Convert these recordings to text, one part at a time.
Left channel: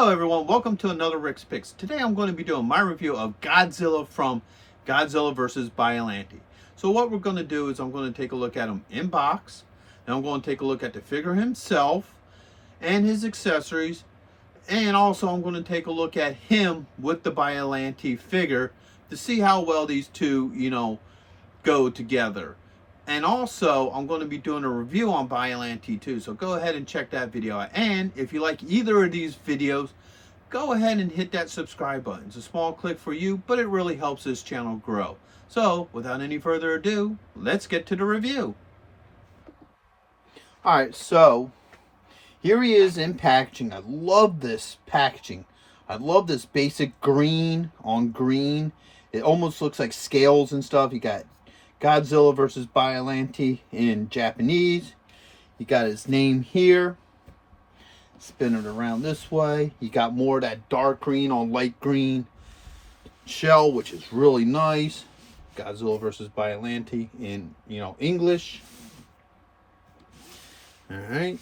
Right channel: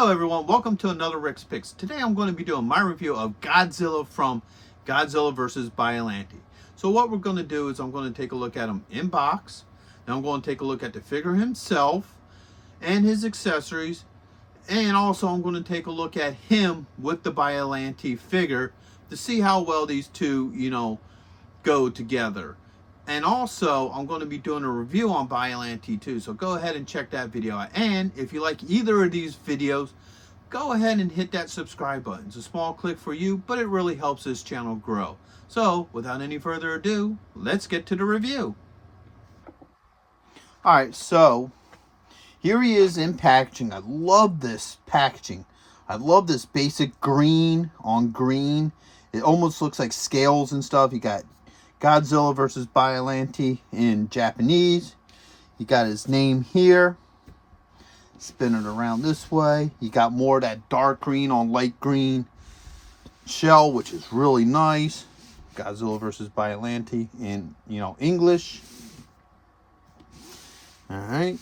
Hello everyone, welcome to another Rick's Picks. Today I'm going to be doing my review of Godzilla from Godzilla vs. Biollante. So what we're going to do is I'm going to take a look at him in box. Then I'm going to take a look at the figure himself and his accessories. And also I'm going to take a look at him with the Biollante figure to see how well these two, go together. And also, I'm going to be doing a review on Biollante too, so go ahead and check that video out. And if you like either of these videos, go ahead and hit that subscribe button. It's a small click for you, but it really helps this channel grow. So, without any further ado, let's get to the review. Alright, so here he is in packaging. I love this packaging. I love this basic green on green. It almost looks like scales and stuff. You got Godzilla vs. Biollante in Japanese. You got his name here. Spin it around this way. You got more of that dark green on light green shell, which is really nice. Godzilla vs. Biollante in, English. Alright.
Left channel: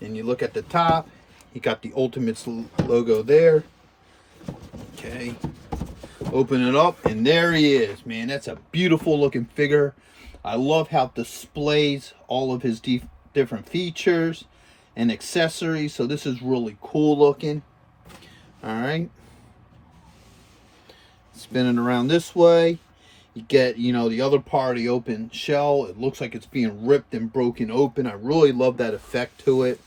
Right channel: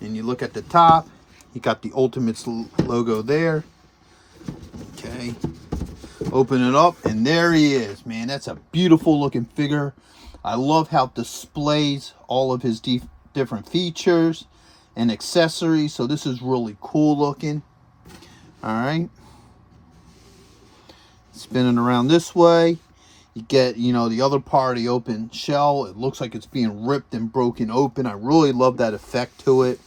Then you look at the top. You got the Ultimates logo there. Okay. Open it up, and there he is, man. That's a beautiful looking figure. I love how it displays all of his different features and accessories. So this is really cool looking. All right. Spinning around this way. You get, the other part of the open shell. It looks like it's being ripped and broken open. I really love that effect to it.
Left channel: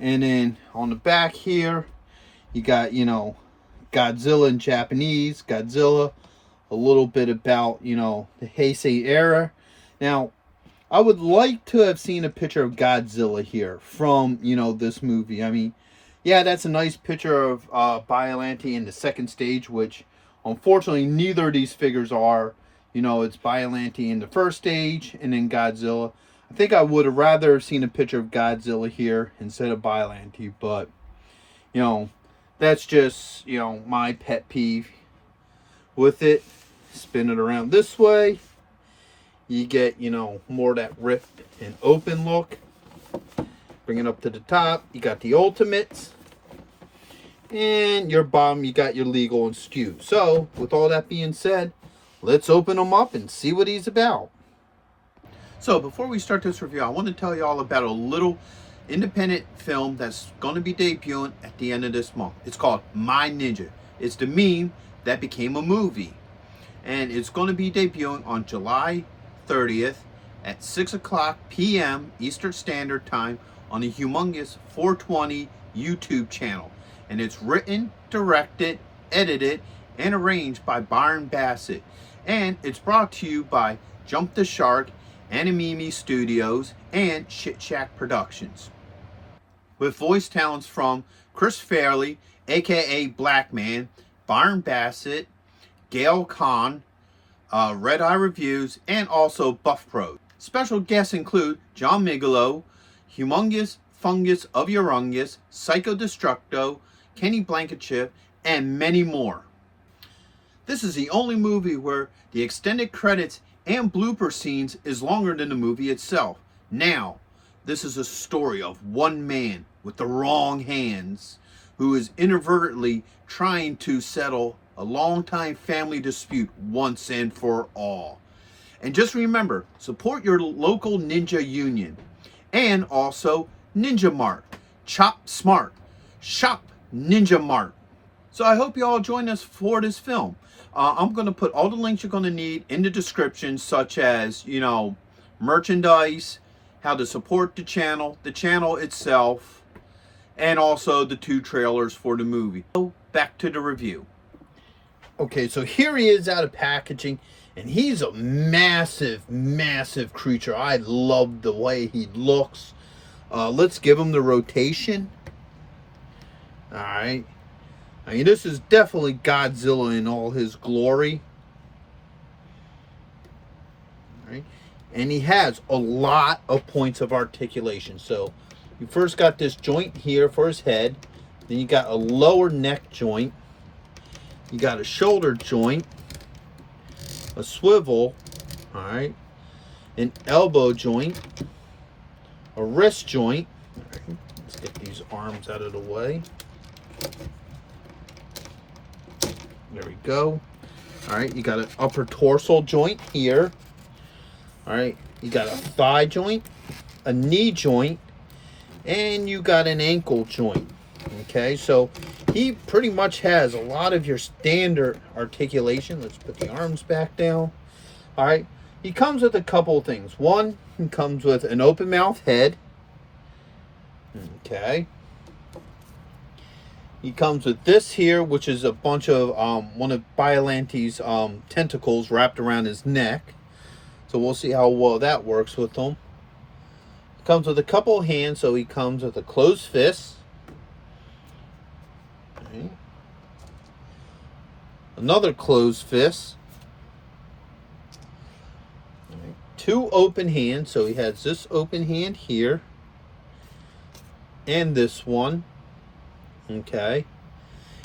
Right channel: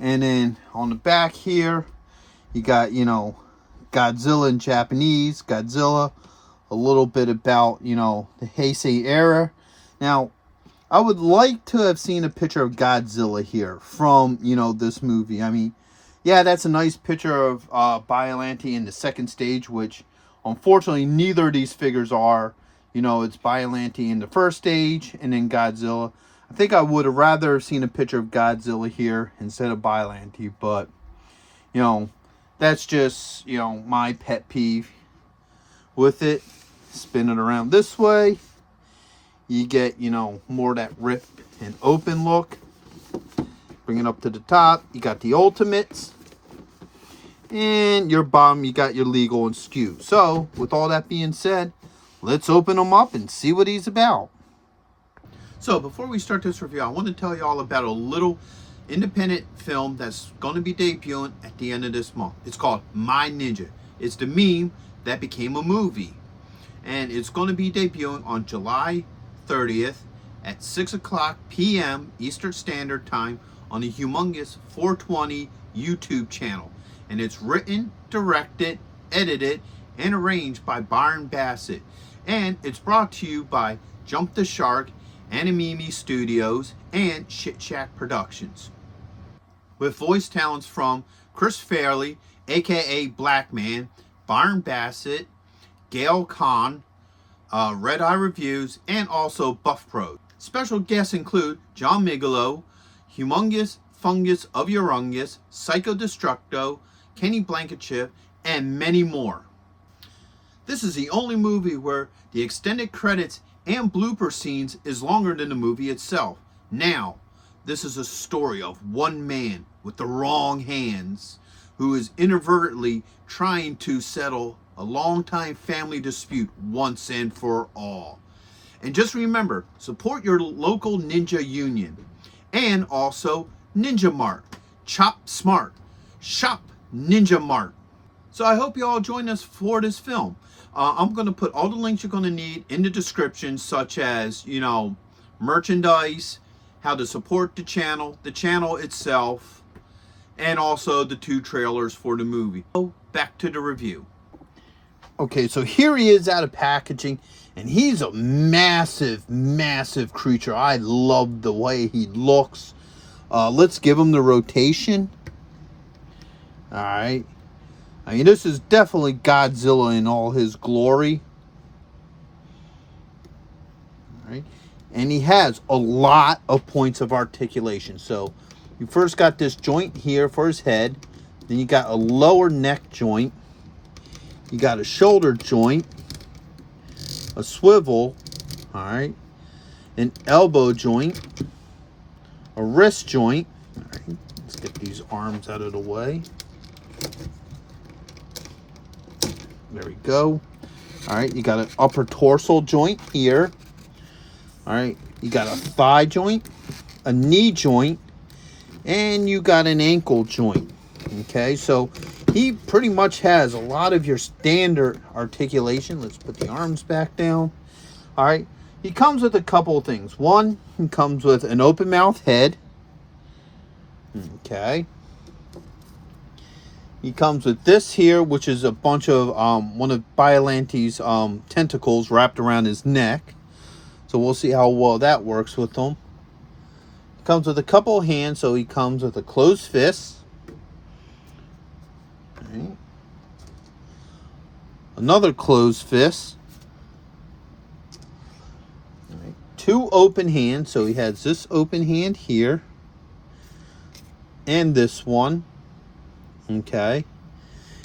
And then on the back here, you got, Godzilla in Japanese, Godzilla, a little bit about, the Heisei era. Now, I would like to have seen a picture of Godzilla here from, this movie. I mean, yeah, that's a nice picture of Biollante in the second stage, which unfortunately neither of these figures are. It's Biollante in the first stage and then Godzilla. I think I would have rather seen a picture of Godzilla here instead of Biollante, but, that's just, my pet peeve with it. Spin it around this way. You get, more of that ripped and open look. Bring it up to the top. You got the Ultimates. And your bottom, you got your Legal and Skew. So, with all that being said, let's open him up and see what he's about. So, before we start this review, I want to tell you all about a little independent film that's going to be debuting at the end of this month. It's called My Ninja. It's the meme that became a movie. And it's going to be debuting on July 30th at 6:00 p.m. Eastern Standard Time on the humongous 420 YouTube channel. And it's written, directed, edited, and arranged by Byron Bassett. And it's brought to you by Jump the Shark, Animimi Studios, and Shit Shack Productions. With voice talents from Chris Farley, aka Black Man, Byron Bassett, Gail Kahn, Red Eye Reviews, and also Buff Pro. Special guests include John Migolo, Humongous Fungus of Urungus, Psycho Destructo, Kenny Blankenship, and many more. This is the only movie where the extended credits and blooper scenes is longer than the movie itself. Now, this is a story of one man with the wrong hands who is inadvertently trying to settle a long-time family dispute once and for all. And just remember, support your local ninja union. And also Ninja Mart. Chop smart. Shop Ninja Mart. So I hope you all join us for this film. I'm going to put all the links you're going to need in the description, such as, merchandise, how to support the channel itself, and also the 2 trailers for the movie. So back to the review. Okay, so here he is out of packaging, and he's a massive, massive creature. I love the way he looks. Let's give him the rotation. All right. I mean, this is definitely Godzilla in all his glory. All right. And he has a lot of points of articulation. So you first got this joint here for his head. Then you got a lower neck joint. You got a shoulder joint. A swivel. All right. An elbow joint. A wrist joint. All right. Let's get these arms out of the way. There we go. All right, you got an upper torso joint here. All right, you got a thigh joint, a knee joint, and you got an ankle joint. Okay, so he pretty much has a lot of your standard articulation. Let's put the arms back down. All right, he comes with a couple of things. One, he comes with an open mouth head. Okay. He comes with this here, which is a bunch of one of Biollante's tentacles wrapped around his neck. So we'll see how well that works with him. He comes with a couple of hands, so he comes with a closed fist. Okay. Another closed fist. Right. Two open hands, so he has this open hand here. And this one. Okay.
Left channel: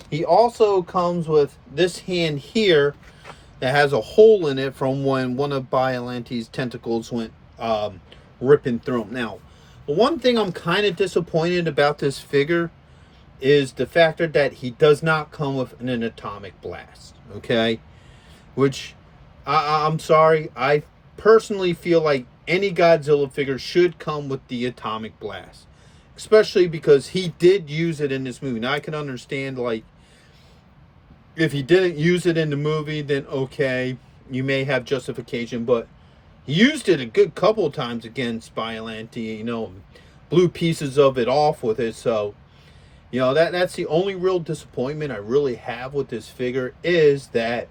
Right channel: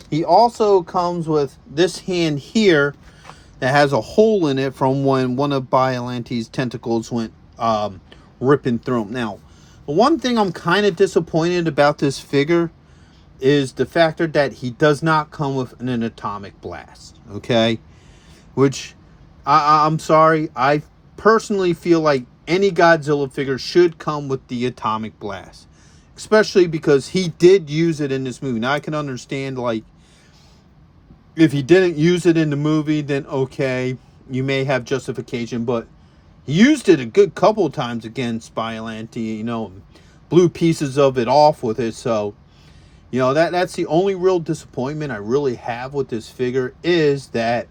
He also comes with this hand here that has a hole in it from when one of Biollante's tentacles went ripping through him. Now, the one thing I'm kind of disappointed about this figure is the factor that he does not come with an atomic blast. Okay? Which, I'm sorry, I personally feel like any Godzilla figure should come with the atomic blast. Especially because he did use it in this movie. Now, I can understand, like, if he didn't use it in the movie, then okay, you may have justification. But he used it a good couple of times against Biollante, you know, blew pieces of it off with it. So, you know, that's the only real disappointment I really have with this figure, is that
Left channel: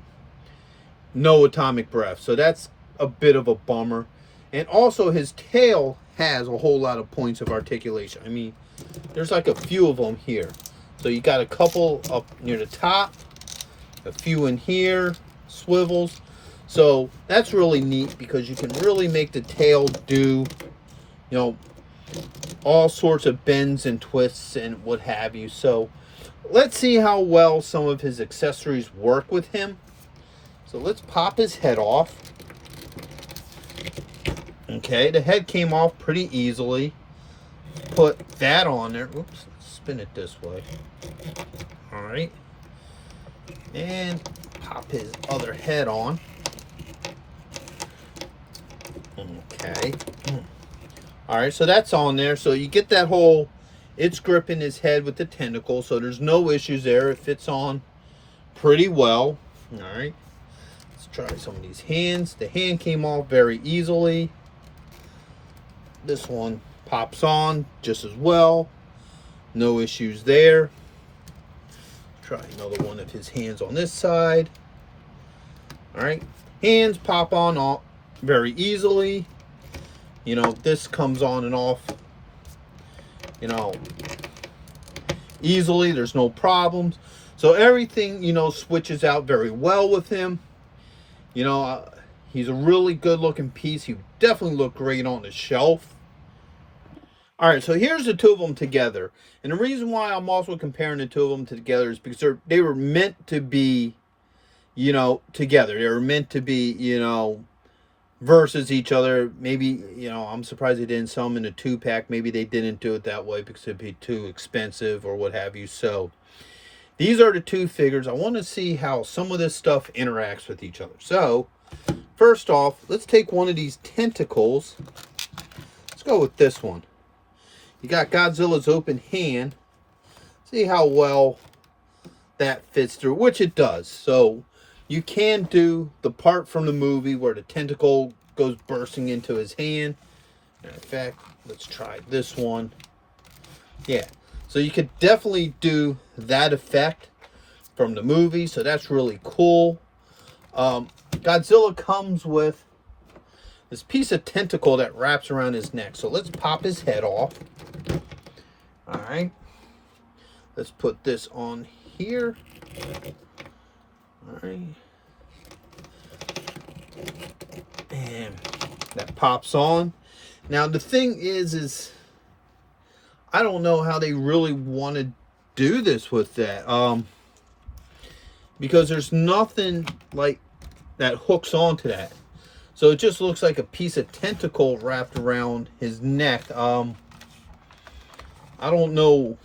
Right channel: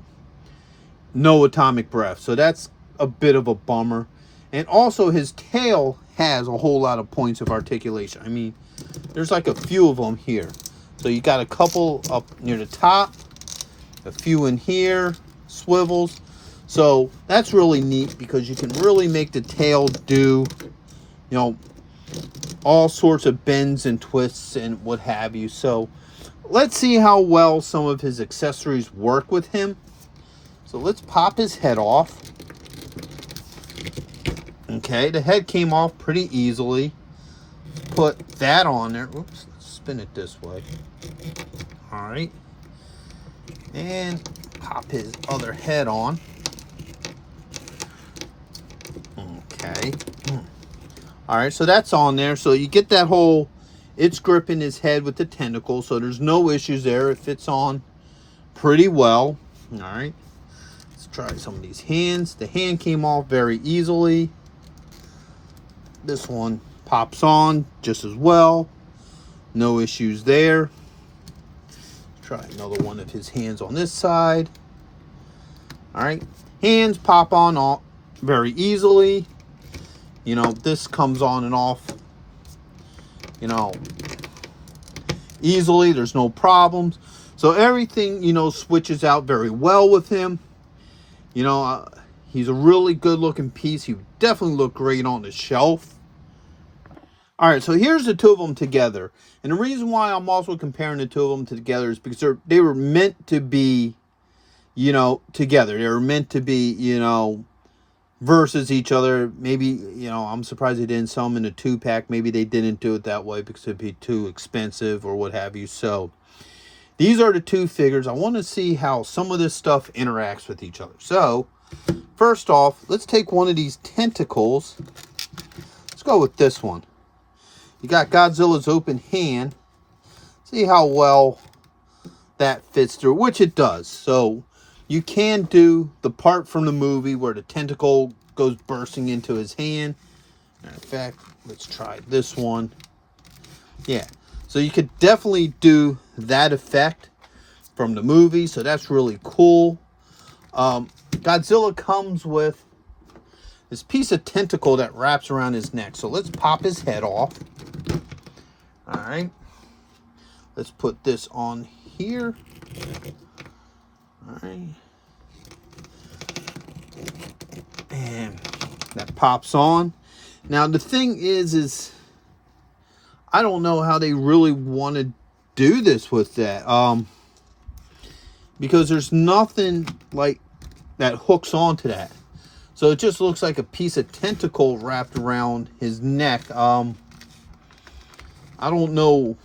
no atomic breath. So that's a bit of a bummer. And also his tail has a whole lot of points of articulation. I mean, there's like a few of them here. So you got a couple up near the top, a few in here, swivels. So that's really neat because you can really make the tail do, you know, all sorts of bends and twists and what have you. So let's see how well some of his accessories work with him. So let's pop his head off. Okay, the head came off pretty easily. Put that on there. Oops, let's spin it this way. All right. And pop his other head on. Okay. All right, so that's on there. So you get that whole, it's gripping his head with the tentacle, so there's no issues there. It fits on pretty well. All right. Let's try some of these hands. The hand came off very easily. This one pops on just as well. No issues there. Try another one of his hands on this side. All right. Hands pop on off very easily. You know, this comes on and off, you know, easily. There's no problems. So everything, you know, switches out very well with him. You know, he's a really good looking piece. He definitely look great on the shelf. All right, so here's the two of them together. And the reason why I'm also comparing the two of them together is because they were meant to be, you know, together. They were meant to be, you know, versus each other. Maybe, you know, I'm surprised they didn't sell them in a 2-pack. Maybe they didn't do it that way because it'd be too expensive or what have you. So these are the two figures. I want to see how some of this stuff interacts with each other. So first off, let's take one of these tentacles. Let's go with this one. You got Godzilla's open hand. See how well that fits through, which it does. So you can do the part from the movie where the tentacle goes bursting into his hand. In fact, let's try this one. Yeah, so you could definitely do that effect from the movie. So that's really cool. Godzilla comes with this piece of tentacle that wraps around his neck. So let's pop his head off. All right. Let's put this on here. All right. And that pops on. Now the thing is I don't know how they really want to do this with that. Because there's nothing like that hooks onto that. So it just looks like a piece of tentacle wrapped around his neck. I don't know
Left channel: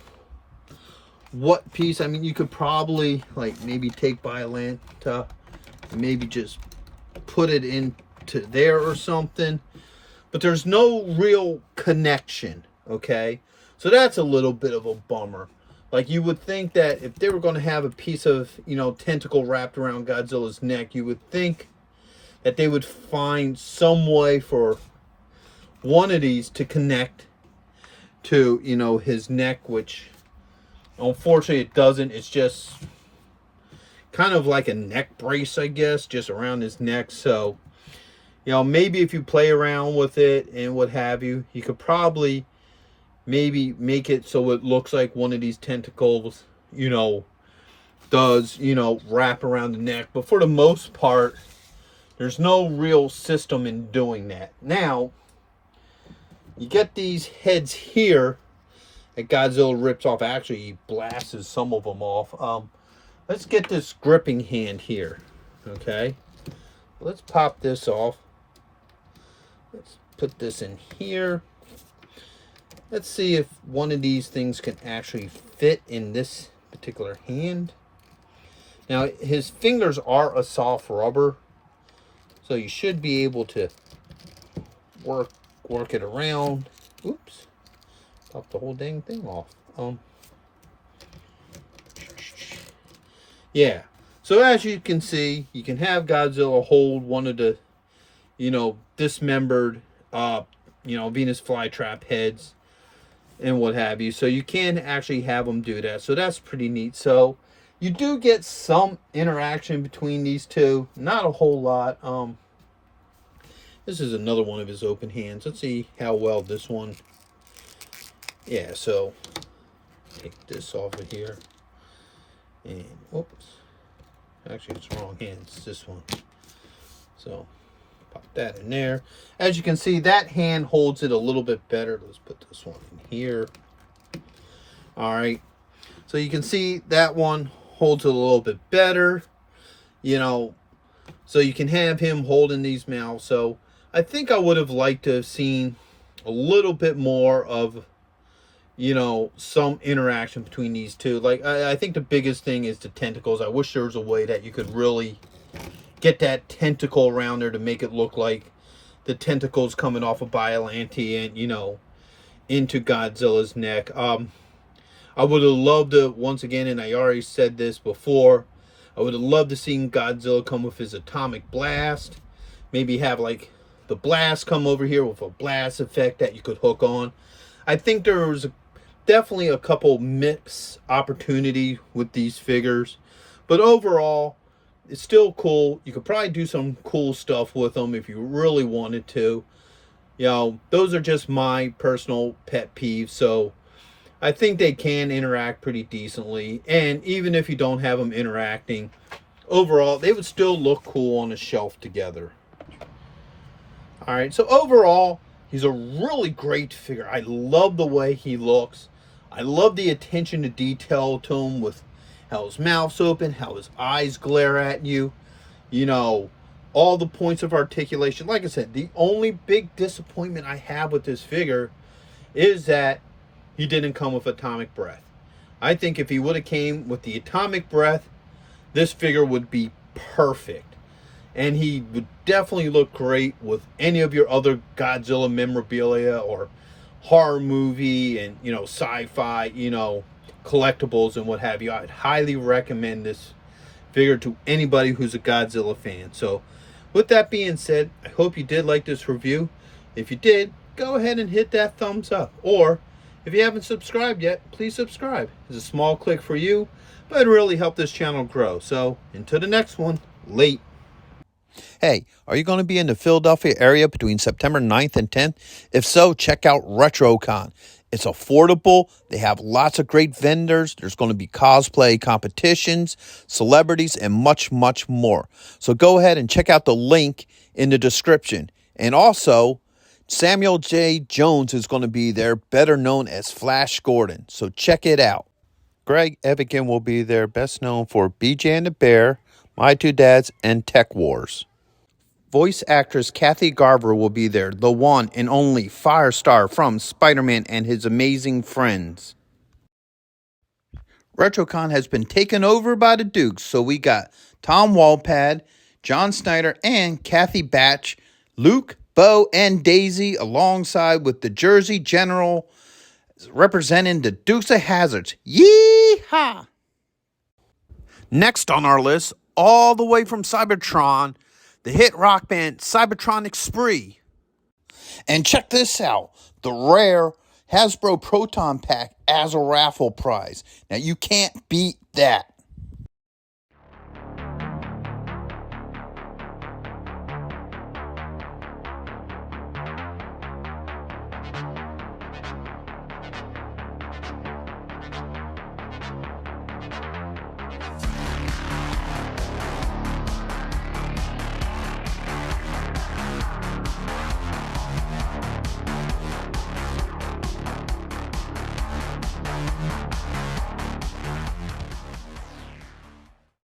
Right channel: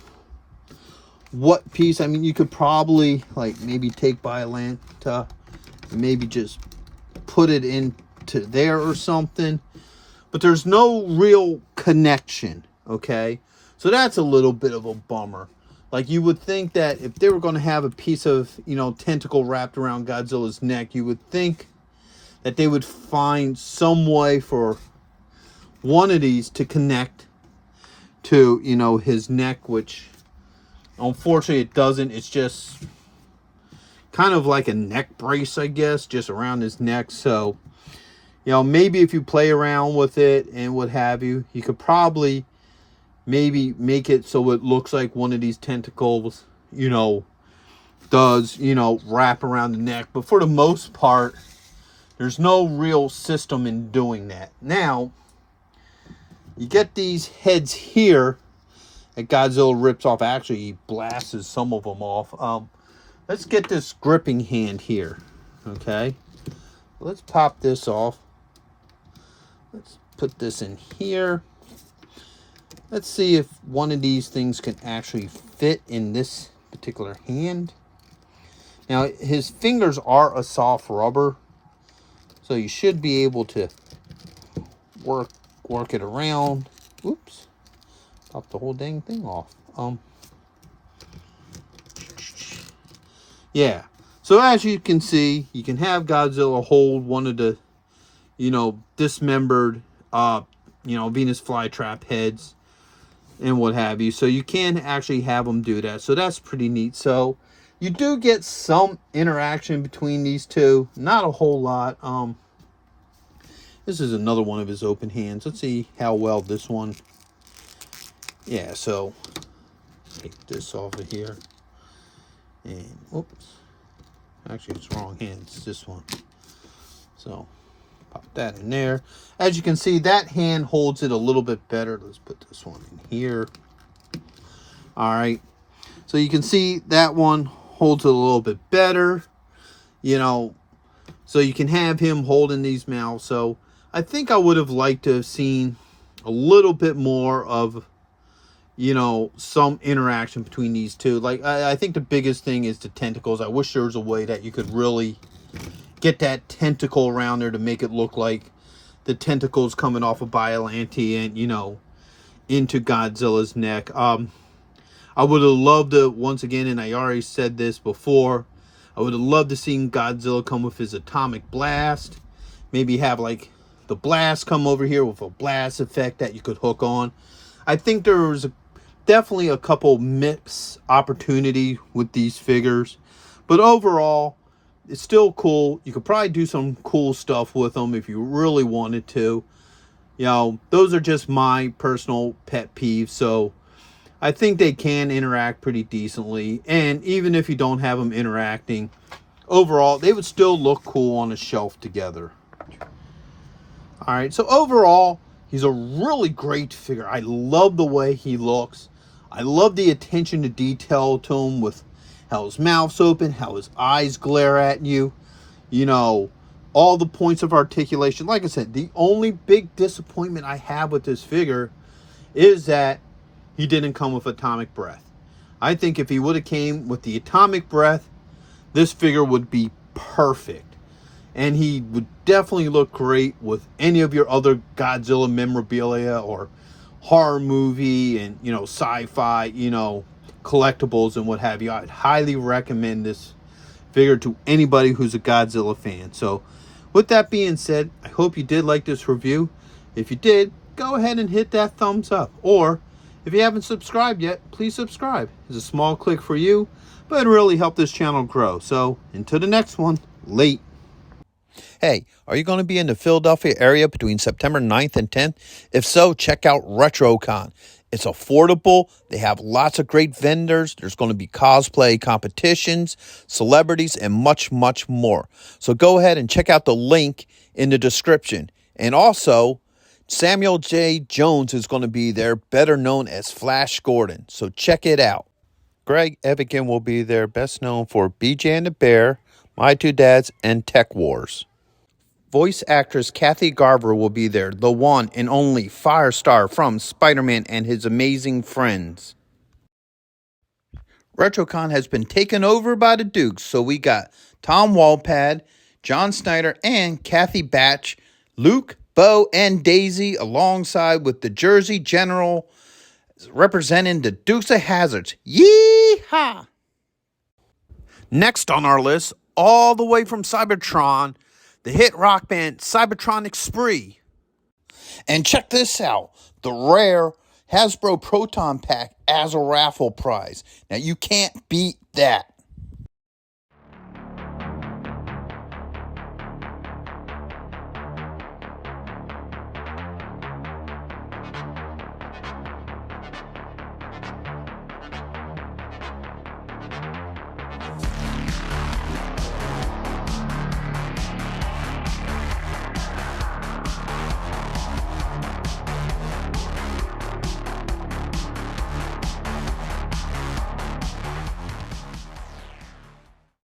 what piece. I mean, you could probably like maybe take Biollante and maybe just put it into there or something, but there's no real connection. Okay, so that's a little bit of a bummer. Like, you would think that if they were going to have a piece of, you know, tentacle wrapped around Godzilla's neck, you would think that they would find some way for one of these to connect to, you know, his neck, which unfortunately it doesn't. It's just kind of like a neck brace, I guess, just around his neck. So, you know, maybe if you play around with it and what have you, you could probably maybe make it so it looks like one of these tentacles, you know, does, you know, wrap around the neck. But for the most part, there's no real system in doing that. Now, you get these heads here that Godzilla rips off. Actually, he blasts some of them off. Let's get this gripping hand here. Okay, let's pop this off. Let's put this in here. Let's see if one of these things can actually fit in this particular hand. Now, his fingers are a soft rubber, so you should be able to work it around. Oops, pop the whole dang thing off. Yeah. So as you can see, you can have Godzilla hold one of the, you know, dismembered, you know, Venus flytrap heads and what have you. So you can actually have them do that. So that's pretty neat. So you do get some interaction between these two. Not a whole lot. This is another one of his open hands. Let's see how well this one. Yeah, so take this off of here. And whoops. Actually, it's wrong hand. It's this one. So pop that in there. As you can see, that hand holds it a little bit better. Let's put this one in here. All right. So you can see that one holds it a little bit better. You know, so you can have him holding these mouths. So I think I would have liked to have seen a little bit more of, you know, some interaction between these two. Like, I think the biggest thing is the tentacles. I wish there was a way that you could really get that tentacle around there to make it look like the tentacles coming off of Biollante and, you know, into Godzilla's neck. I would have loved to, once again, and I already said this before, I would have loved to see Godzilla come with his atomic blast. Maybe have, like, the blast come over here with a blast effect that you could hook on. I think there was definitely a couple mix opportunity with these figures, but overall it's still cool. You could probably do some cool stuff with them if you really wanted to. You know, those are just my personal pet peeves, so I think they can interact pretty decently. And even if you don't have them interacting, overall they would still look cool on a shelf together. All right, so overall, he's a really great figure. I love the way he looks. I love the attention to detail to him with how his mouth's open, how his eyes glare at you. You know, all the points of articulation. Like I said, the only big disappointment I have with this figure is that he didn't come with atomic breath. I think if he would have came with the atomic breath, this figure would be perfect. And he would definitely look great with any of your other Godzilla memorabilia or horror movie and, you know, sci-fi, you know, collectibles and what have you. I'd highly recommend this figure to anybody who's a Godzilla fan. So with that being said, I hope you did like this review. If you did, go ahead and hit that thumbs up. Or if you haven't subscribed yet, please subscribe. It's a small click for you, but it really helped this channel grow. So until the next one, late. Hey, are you going to be in the Philadelphia area between September 9th and 10th? If so, check out RetroCon. It's affordable. They have lots of great vendors. There's going to be cosplay competitions, celebrities, and much, much more. So go ahead and check out the link in the description. And also, Samuel J. Jones is going to be there, better known as Flash Gordon. So check it out. Greg Evigan will be there, best known for BJ and the Bear, My Two Dads, and Tech Wars. Voice actress Kathy Garver will be there, the one and only Firestar from Spider-Man and His Amazing Friends. RetroCon has been taken over by the Dukes, so we got Tom Walpad, John Snyder, and Kathy Batch, Luke, Bo, and Daisy, alongside with the Jersey General representing the Dukes of Hazzards. Yee-haw! Next on our list, all the way from Cybertron, the hit rock band Cybertronic Spree. And check this out, the rare Hasbro Proton Pack as a raffle prize. Now you can't beat that.